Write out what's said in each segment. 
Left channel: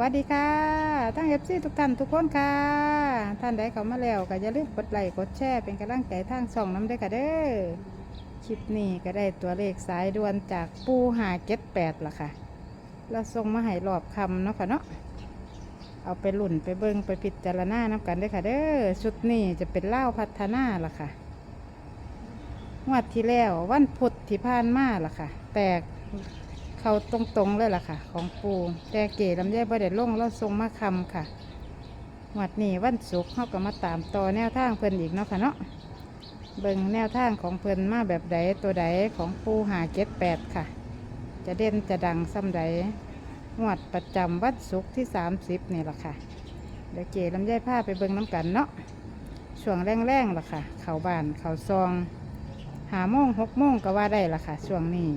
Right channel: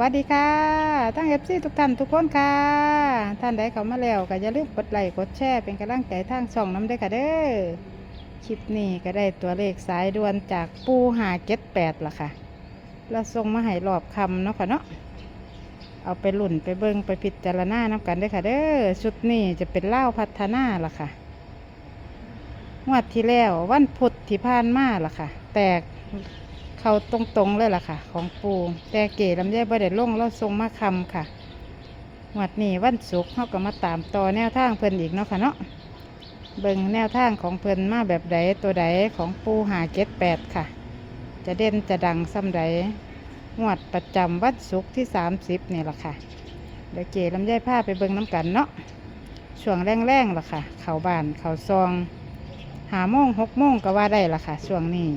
วัสดีค่ะทั้งเอฟซีทุกท่านทุกคนค่ะ ท่านใดเข้ามาแล้วก็อย่าลืมกดไลค์กดแชร์เป็นกำลังใจทางช่องน้ำด้วยค่ะเด้อคลิปนี้ก็ได้ตัวเลขสายด่วนจากปูหาเก็ตแปดละค่ะ เราส่งมาให้รอบคำเนาะค่ะเนาะเอาไปหลุ่นไปเบิงไปพิจารณาน้ำกันเด้ค่ะเด้อชุดนี้จะเป็นเล่าพัฒนาละค่ะงวดที่แล้ววันพุธที่ผ่านมาละค่ะ แตก เขาตรงๆเลยล่ะค่ะ ของปูแต่เก๋ลำไยบ่ได้ลงเราทรงมาคำค่ะหวัดนี้วันศุกร์เขาก็มาตามต่อแนวทางเพิ่นอีกเนาะค่ะเนาะเบิ่งแนวทางของเพิ่นมาแบบใดตัวใดของปูหาเก็ดแปดค่ะ จะเด่นจะดังซ้ำใดงวดประจำวันศุกร์ที่สามสิบนี่ล่ะค่ะเดี๋ยวเก๋ลำไยผ้าไปเบิ่งน้ำกันเนาะช่วงแรงๆล่ะค่ะ เขาบานเขาซอง หาโมงหกโมงก็ว่าได้ล่ะค่ะช่วงนี้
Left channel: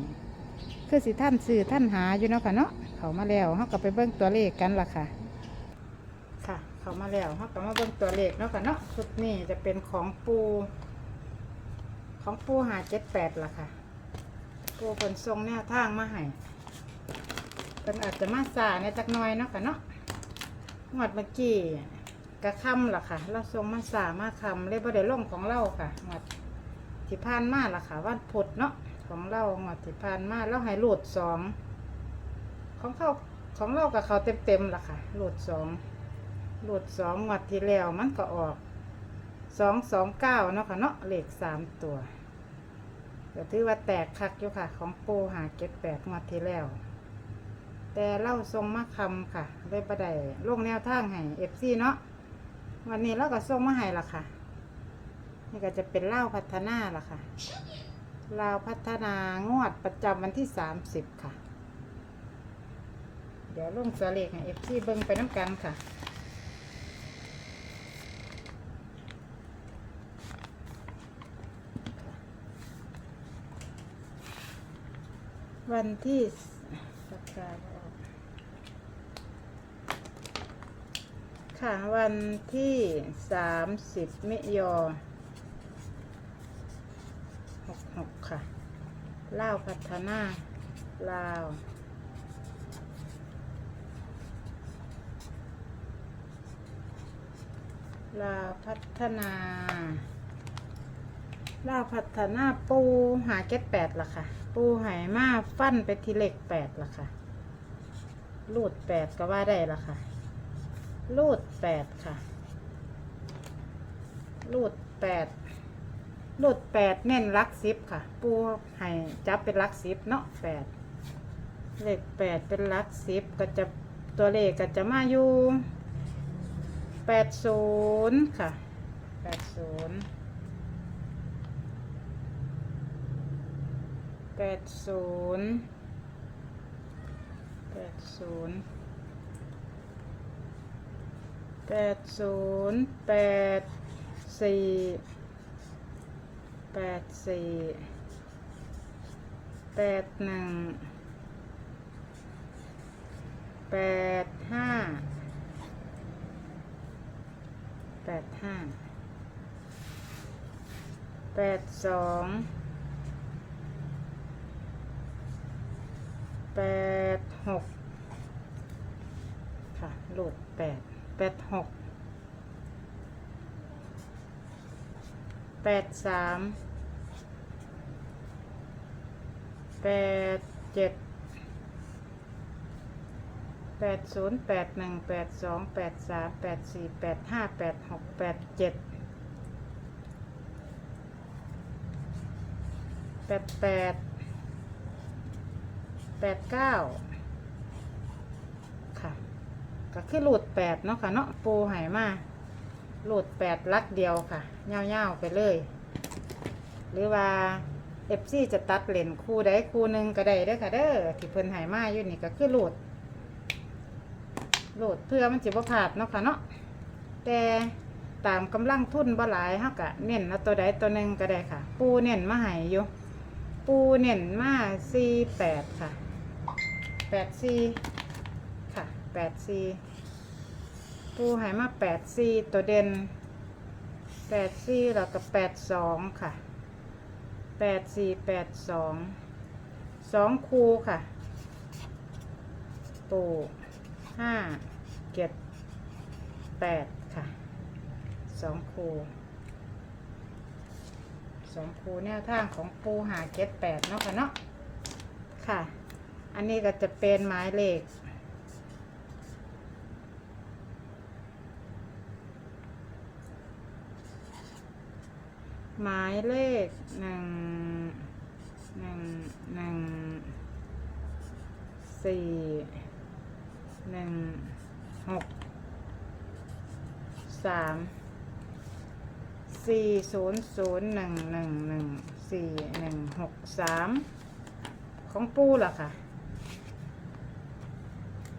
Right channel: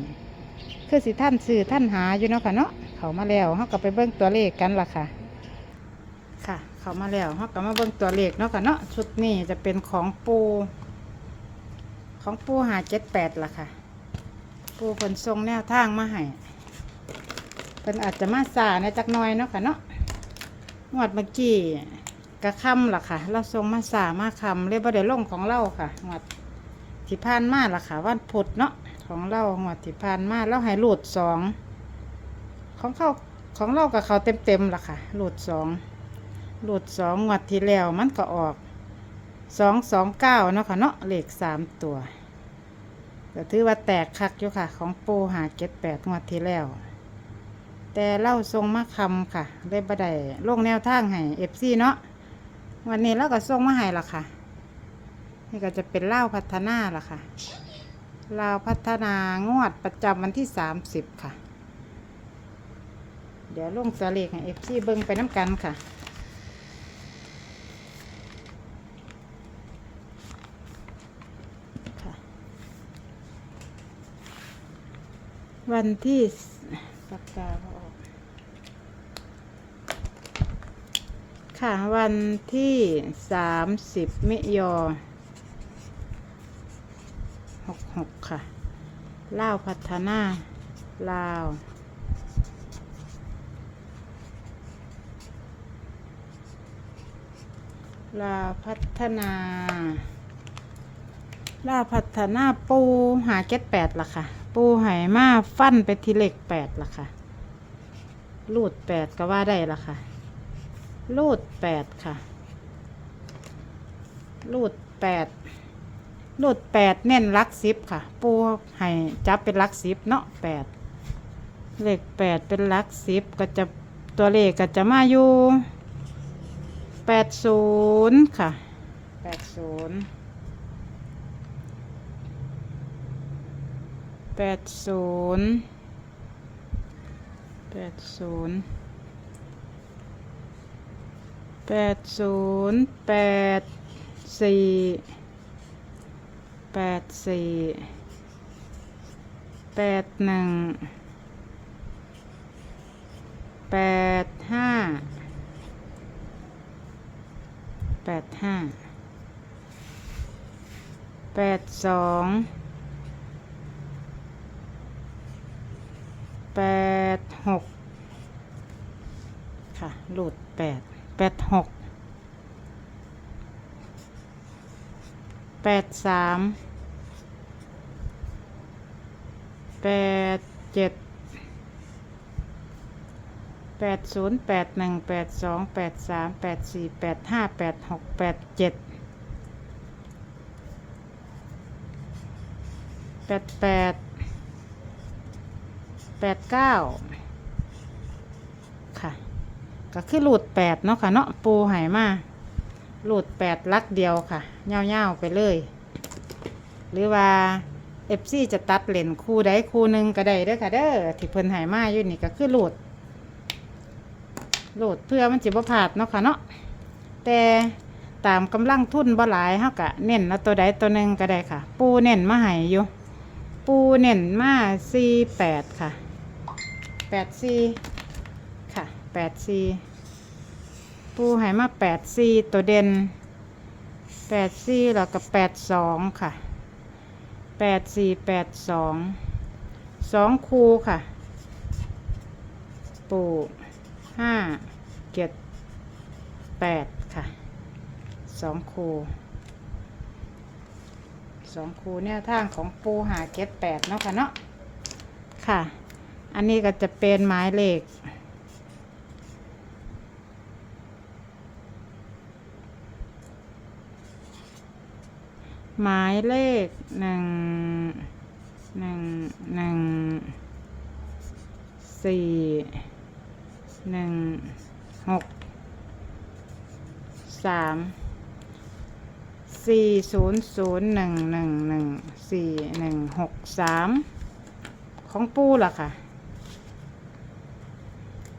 คือสิท่านซื้อท่านหาอยู่เนาะค่ะเนาะเขามาแล้วเขาก็ไปเบิ่งตัวเลขกันล่ะค่ะ ค่ะ เขามาแล้วเขาก็มาเบิ่งตัวเลขเนาะค่ะเนาะชุดนี้จะเป็นของปู ของปูหาเจ็ดแปดล่ะค่ะ ปูเพิ่นทรงแนวทางมาให้เพิ่นอาจจะมาสาในจักน้อยเนาะค่ะเนาะงวดเมื่อกี้กระคำล่ะค่ะ เราทรงมาสามาคำเรียกว่าได้ลงของเราค่ะงวดที่ผ่านมาล่ะค่ะ วันพุธเนาะ ของเราหมดที่ผ่านมาเราให้หลุดสองของเขาของเรากับเขาเต็มเต็มๆล่ะค่ะหลุดสองหลุดสองงวดที่แล้วมันก็ออกสองสองเก้าเนาะค่ะเนาะเลขสามตัวก็ถือว่าแตกคักอยู่ค่ะ ของปูหาเก็ดแปดงวดที่แล้ว แต่เล่าทรงมาคำค่ะเลยบัได้ลงแนวทางให้เอฟซีเนาะวันนี้เราก็ทรงมาให้ละค่ะ นี่ก็จะเป็นเล่าพัฒนาล่ะค่ะ ลาวพัฒนางวดประจำวันที่ 30 ค่ะ เดี๋ยวลงตัวเลขให้เอฟซีเบิ้งไปน้ำกันค่ะ วันที่ประกาศค่ะ วันที่ 30 มิยอ หกหกค่ะลาวพัฒนาลาวลาวพัฒนาลาวพัฒนาปูหาเก็ดแปดละค่ะ ปูไหมาฟันไปทีเล็กแปดละค่ะรูดแปดก็ว่าได้ละค่ะรูดแปดค่ะรูดแปด รูดแปดเน้นลักสิบค่ะ ปูให้จับเป็นลักสิบเนาะแปดเลขแปดเป็นลักสิบก็จะตัวเลขก็จะมาอยู่แปดศูนย์ค่ะแปดศูนย์แปดศูนย์แปดศูนย์แปดศูนย์แปดสี่ แปดสี่แปดหนึ่งแปดห้าแปดห้าแปดสองแปดหกค่ะ หลุดแปดแปดหก แปดสามแปดเจ็ดแปดศูนย์แปดหนึ่งแปดสองแปดสามแปดสี่แปดห้าแปดหกแปดเจ็ดแปดแปดแปดเก้าค่ะ ก็คือหลุดแปดเนาะค่ะเนาะปูหายมา หลุดแปดลักเดียวค่ะเง่าๆไปเลย หรือว่าเอฟซีจะตัดเลนคู่ใดคู่หนึ่งก็ได้เด้อค่ะเด้อที่เพิ่นหายมาอยู่นี่ก็คือหลุดหลุดเพื่อมันจิบ่พลาดเนาะค่ะเนาะแต่ตามกำลังทุนบ่หลายเฮากะเน้นแล้วตัวใดตัวหนึ่งก็ได้ค่ะ ปูเน้นมาให้อยู่ ปูเน้นมาสี่แปดค่ะแปดสี่ค่ะแปดสี่ ปูใหายมาแปดสี่ตัวเด่นแปดสี่แล้วก็แปดสองค่ะแปดสี่แปดสองสองคูค่ะ ปูห้าเจ็ดแปดค่ะสองคูสองคูแนวทางของปูหาเจ็ดแปดเนาะค่ะเนาะค่ะ อันนี้ก็จะเป็นหมายเลข หมายเลขหนึ่งหนึ่งหนึ่งสี่หนึ่งหกสามสี่ศูนย์ศูนย์หนึ่งหนึ่งหนึ่งสี่หนึ่งหกสามของปูล่ะค่ะ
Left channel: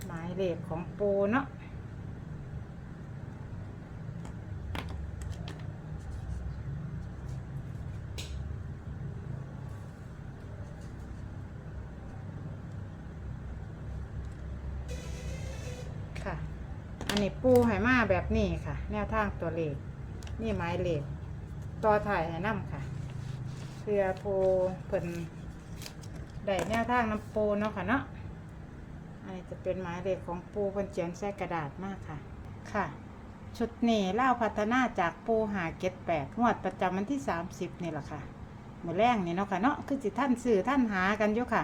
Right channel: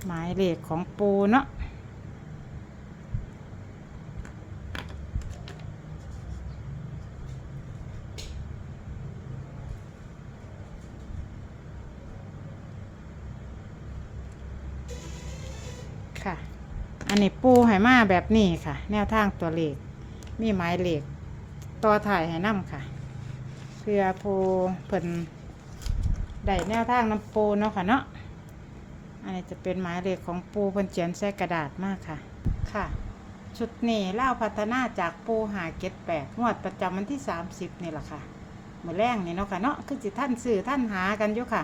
หมายเลขของปูเนาะ ค่ะ อันนี้ปูให้มาแบบนี้ค่ะ แนวทางตัวเลข มีหมายเลขต่อถ่ายให้นํค่ะ เพื่อผู้เพิ่นได้แนวทางน้ำปูเนาะค่ะเนาะ อันนี้จะเป็นหมายเลขของปูเพิ่นเขียนใส่กระดาษมากค่ะ ค่ะ ชุดนี้เล่าพัฒนาจากปูหาเก็ดแปดงวดประจำวันที่ 30 นี่แหละค่ะมือแรงนี่เนาะค่ะเนาะคือจิท่านสื่อท่านหากันอยู่ค่ะ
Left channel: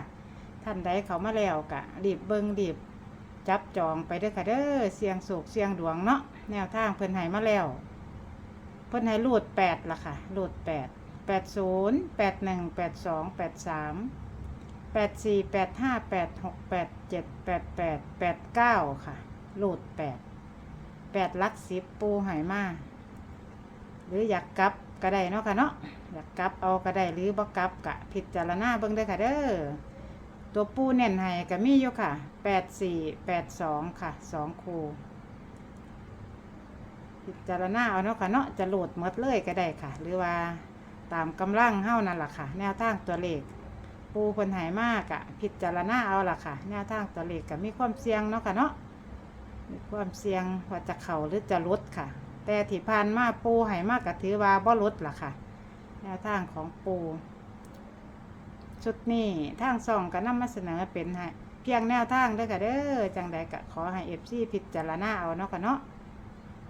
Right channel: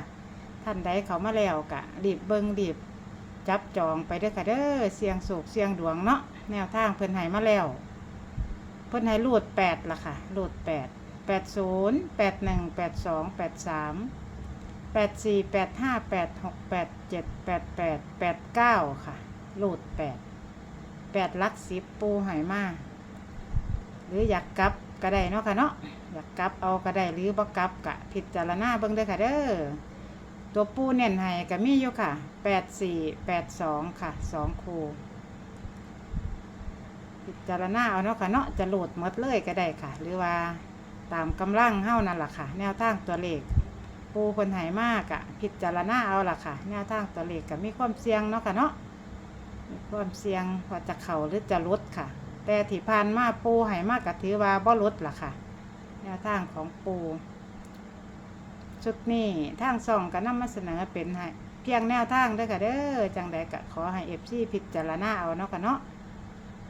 ท่านใดเขามาแล้วกะรีบเบิงรีบ จับจองไปเด้อค่ะเด้อเสียงโศกเสียงดวงเนาะแนวทางเพิ่นให้มาแล้ว เพิ่นให้รูดแปดละค่ะรูดแปดแปดศูนย์แปดหนึ่งแปดสองแปดสามแปดสี่แปดห้าแปดหกแปดเจ็ดแปดแปดแปดเก้าค่ะรูดแปดแปดลักสิบปูให้มาหรืออยากกลับก็ได้เนาะค่ะเนาะอยากกลับเอาก็ได้หรือบ่กลับกะพิจารณาเบิ่งเด้อค่ะเด้อ ตัวปูเน่นให้ก็มีอยู่ค่ะแปดสี่แปดสองค่ะสองคูพิจารณาเอาเนาะค่ะเนาะจะโหลดหมดเลยก็ได้ค่ะ หรือว่าตามกำลังเฮ้านั่นล่ะค่ะ แนวทางตัวเลข ปูเพิ่นหายมากอะพิจารณาเอาล่ะค่ะ แนวทางตัวเลขก็มีความเสี่ยงเนาะค่ะเนาะมีความเสี่ยงว่าจะเข่าหรือจะลดค่ะ แต่ที่ผ่านมาปูหายมากก็ถือว่าบ่ลดล่ะค่ะ แนวทางของปู ชุดนี้ทางส่องก็นำมาเสนอเป็นให้เพียงแนวทางเด้อค่ะเด้อจังใดก็ขอให้เอฟซีพิจารณาเอาเนาะค่ะเนาะ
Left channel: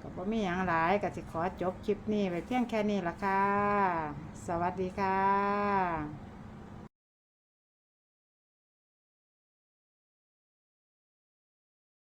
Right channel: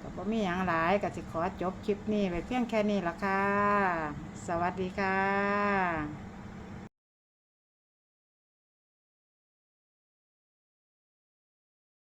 ก็บ่มีหยังหลายก็สิขอจบคลิปนี้ไปเพียงแค่นี้ละค่ะ สวัสดีค่ะ